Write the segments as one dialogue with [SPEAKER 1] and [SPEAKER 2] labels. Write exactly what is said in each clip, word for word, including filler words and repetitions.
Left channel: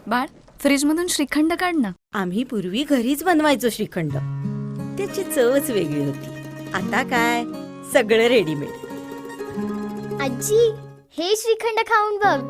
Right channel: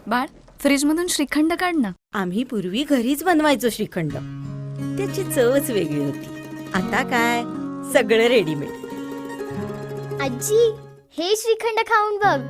[SPEAKER 1] बाळ, फ्रीज मधून श्रीखंड काढ ना.
[SPEAKER 2] आम्ही पूर्वी घरीच बनवायचो श्रीखंड. त्याची चवच वेगळी होती. आता काय सगळं रेडीमेड.
[SPEAKER 3] आजी, हे श्रीखंड खाऊन बघ.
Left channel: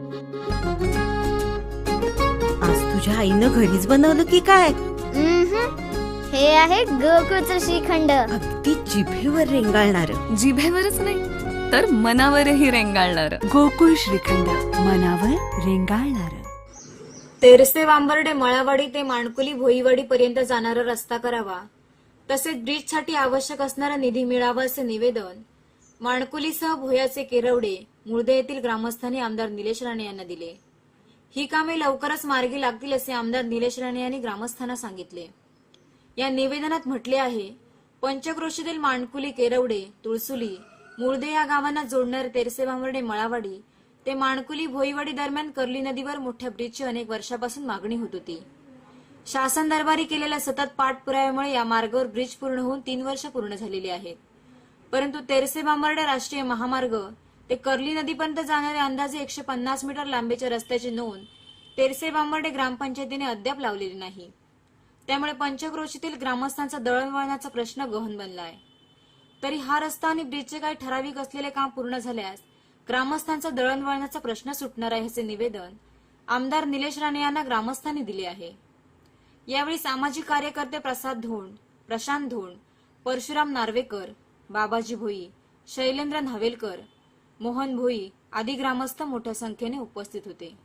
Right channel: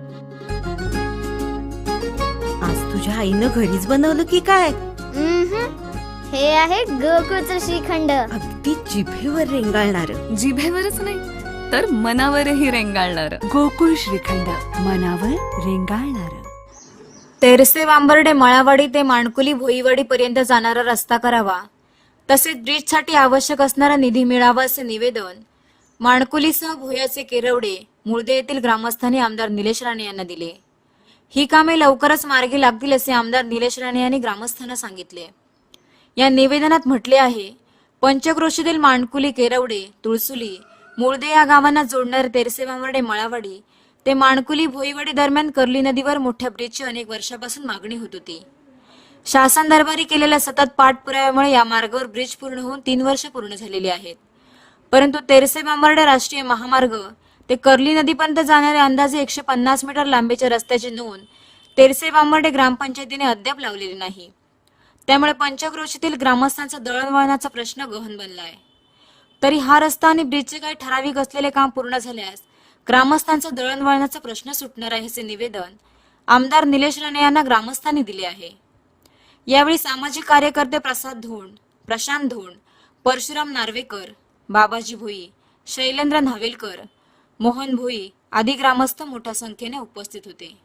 [SPEAKER 2] आज तुझ्या आईनं घरीच बनवलं की काय?
[SPEAKER 3] उम्हम. हे आहे गोकुळचं श्रीखंड.
[SPEAKER 2] अगदी जिभेवर रेंगाळणार.
[SPEAKER 1] जिभेवरच नाही तर मनावरही रेंगाळणार.
[SPEAKER 4] गोकुळ श्रीखंड, मनावर रेंगाळणार.
[SPEAKER 5] तेरसे वांबर्डे मळावाडी ते माणकुली भोईवाडी पर्यंत जाणारा रस्ता करावा, तसेच ब्रिजसाठी आवश्यक असणारा निधी मिळावा असे निवेदन माणकुलीसह भोयाचे केरवडे मुळदे येथील ग्रामस्थांनी आमदार निलेश राणे यांना दिले. ही कामे लवकरच मार्गी लागतील असे आमदार निलेश राणे यांनी ग्रामस्थांना सांगितले. या निवेदनात म्हटले आहे, पंचक्रोशीतील माणकुली केरवडे तुळसुली मुळदे या गावांना जोडणारे तेरसे वांबर्डे मळावाडी ते माणकुली भोईवाडी दरम्यान कर्ली नदीवर मोठ्या ब्रिजची अनेक वर्षापासून मागणी होत होती. शासन दरबारी केलेल्या सतत पाठपुराव्यामुळे या मार्गावर ब्रिज पूर्ण होऊन तीन वर्ष पूर्ण झालेली आहेत. परंतु तेरसे बांबर्डे राष्ट्रीय महामार्ग ते कर्ली नदीपर्यंत जाणाऱ्या अंदाजे एकशे पन्नास मीटर लांबीच्या रस्त्याची नोंद तेरसे बांबर्डे ग्रामपंचायतीने अद्याप लावलेली नाही. त्यामुळे पंचक्रोशीतील ग्रामस्थांचा दळणवळणाचा प्रश्न गहन बनला आहे. तरी हा रस्ता आणि ब्रिजचे काही ठराविक असलेले काम पूर्ण झाल्यास ग्रामस्थांचा दळणवळणाचा प्रश्न सुटणार आहे असे निवेदन आमदार निलेश राणे यांना ग्रामस्थांनी दिले आहे. यावेळी सामाजिक कार्यकर्ते प्रसाद धोंड, प्रशांत धोंड, परशुराम नार्वेकर, बाबाजी भोई, शैलेंद्र न्हावेलकर, मोहन भोई आदी ग्रामस्थ मोठ्या संख्येने उपस्थित होते.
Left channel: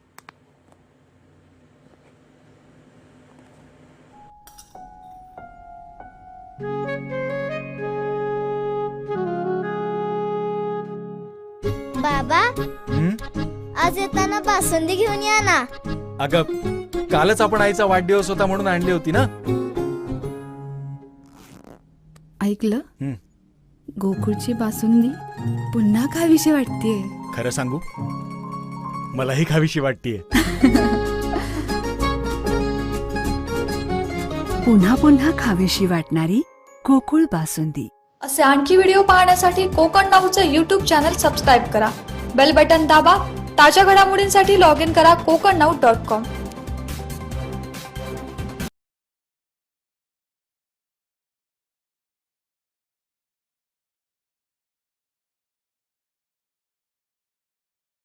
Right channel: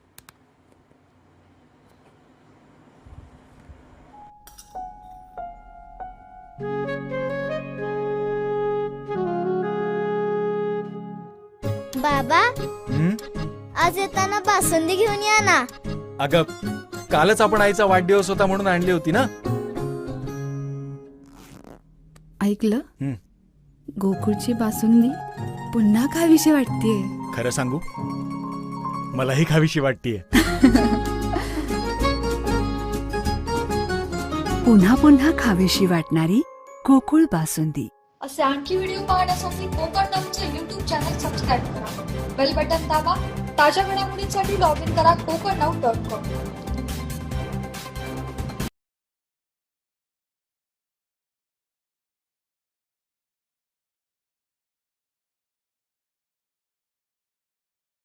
[SPEAKER 3] बाबा,
[SPEAKER 6] हं?
[SPEAKER 3] आज येताना बासुंदी घेऊन या ना.
[SPEAKER 6] अगं, कालच आपण आईचा वाढदिवस होता म्हणून आणली होती ना.
[SPEAKER 4] ऐकलं?
[SPEAKER 6] हं.
[SPEAKER 4] गोकुळची बासुंदी पुन्हा खावीशी वाटतेय.
[SPEAKER 6] खरं सांगू, मलाही खावीशी वाटतेय.
[SPEAKER 4] पुन्हा पुन्हा खावीशी वाटणारी गोकुळ बासुंदी.
[SPEAKER 7] असे आणखी व्हिडिओ पाहण्यासाठी कोकण नाऊचं यूट्यूब चॅनल सबस्क्राईब करा. बेल बटन दाबा. ताज्या घडामोडींसाठी लॉग इन करा कोकण नाऊ डॉट कॉम.